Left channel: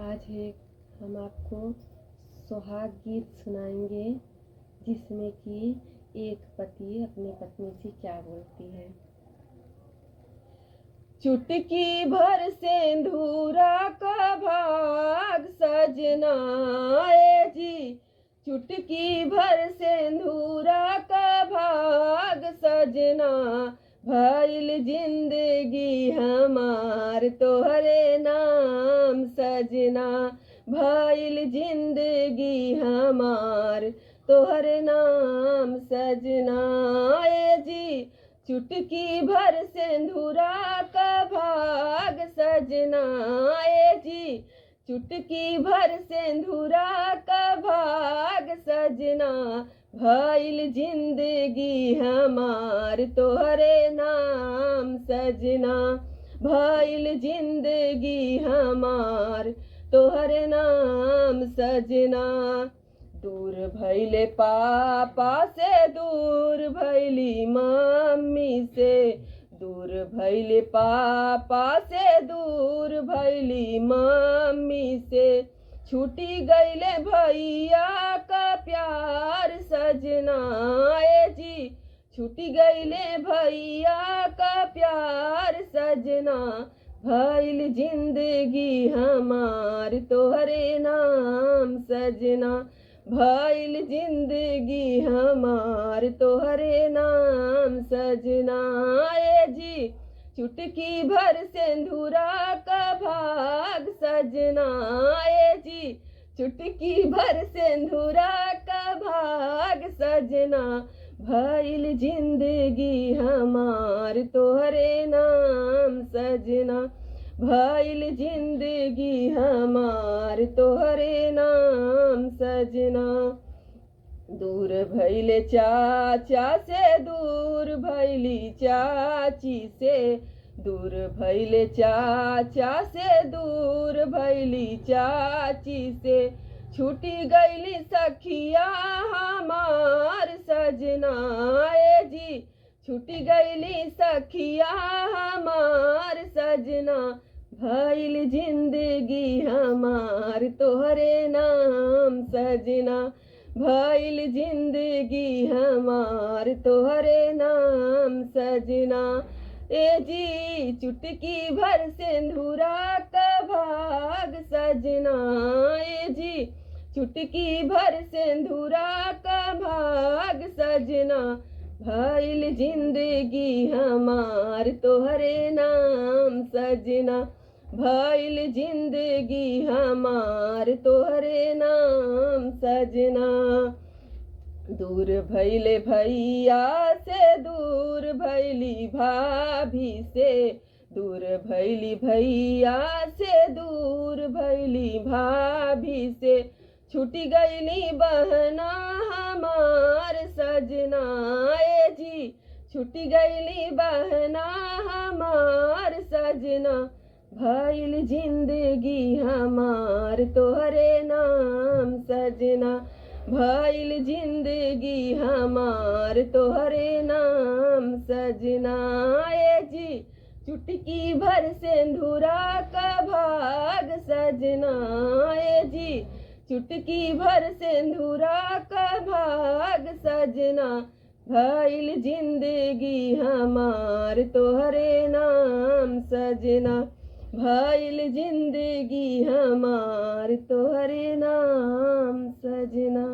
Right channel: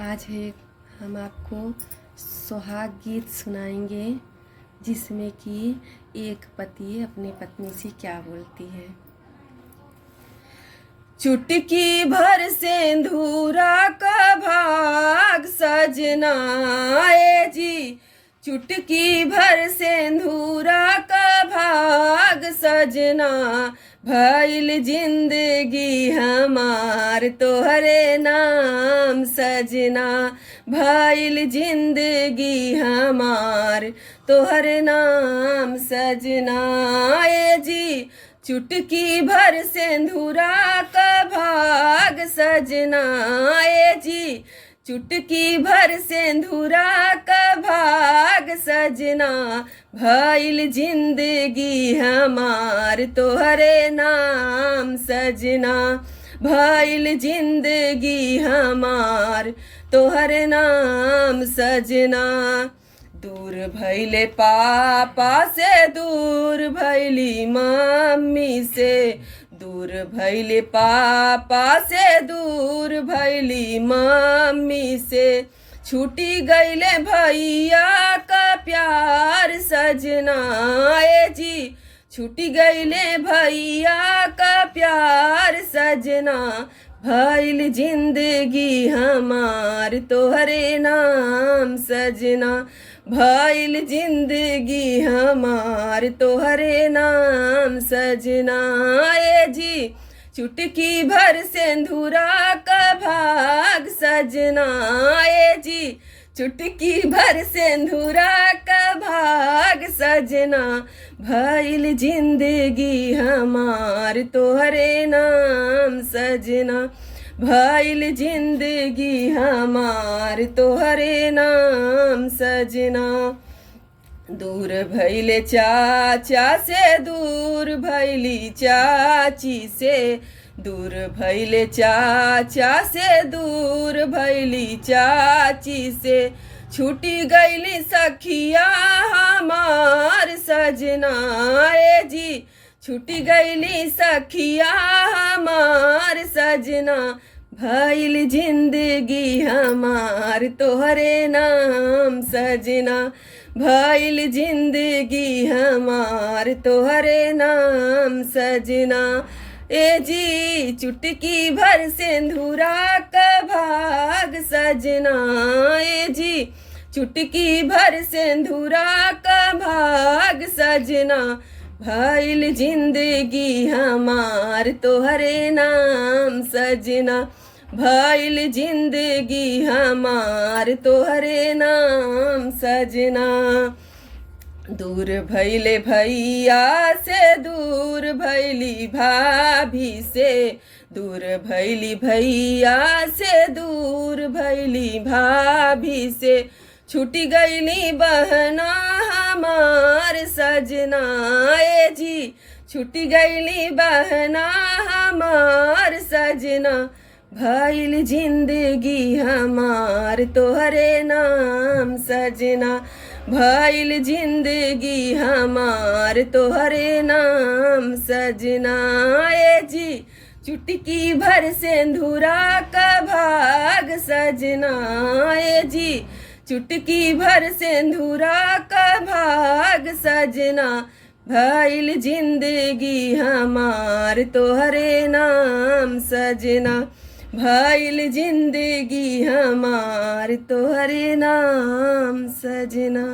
आज है हम आपको सुहाग गीत सुनाएंगे, जिसमें कि एक पति अपनी पत्नी से क्या बोलती है। चुटकी भर सिंदूरा का भाग सजना ए जी, चुटकी भर सिंदूरा का भाग सजना, भइल जिंदगी हमार तोहरे नाम सजना, भइल जिंदगी हमार तोहरे नाम सजना ए जी, चुटकी भर सिंदूरा का भाग सजना ए जी, चुटकी भर सिंदूरा का भाग सजना, भइल जिंदगी हमार तोहरे नाम सजना, भइल जिंदगी हमार तोहरे नाम सजना। दूर भइले पापा से, दूर भइली मम्मी से, दूर भइले पापा से, दूर भइली मम्मी से, छूटी गइले भैया का प्यार सजना ए जी, छूटी गइले भैया का प्यार सजना, भइल जिंदगी हमार तोहरे नाम सजना, भइल जिंदगी हमार तोहरे नाम सजना ए जी, चुटकी भर सिंदूरा का भाग सजना ए जी, चुटकी भर सिंदूरा का भाग सजना, भइल जिंदगी हमार तोहरे नाम सजना, भइल जिंदगी हमार तोहरे नाम सजना। दूर भइले चाचा से, दूर भइली चाची से, दूर भइले चाचा से, दूर भइली चाची से, छूटी गइली सखिया हमार सजना ए जी, छूटी गइली सखिया हमार सजना, भइल जिंदगी हमार तोहरे नाम सजना, भइल जिंदगी हमार तोहरे नाम सजना ए जी, चुटकी भर सिंदूरा का भाग सजना ए जी, चुटकी भर सिंदूरा का भाग सजना, भइल जिंदगी हमार तोहरे नाम सजना, भइल जिंदगी हमार तोहरे नाम सजना। दूर भइले भैया से, दूर भइली भाभी से, दूर भइली भैया से, दूर भइली भाभी से, छूटी गइली बहना हमार सजना ए जी, छूटी गइली बहना हमार सजना, भइल जिंदगी हमार तोहरे नाम सजना, भइल जिंदगी हमार तोहरे नाम सजना ए जी, चुटकी भर सिंदूरा का भाग सजना ए जी, चुटकी भर सिंदूरा का भाग सजना, भइल जिंदगी हमार तोहरे नाम सजना, भइल जिंदगी हमार तोहरे नाम सजना।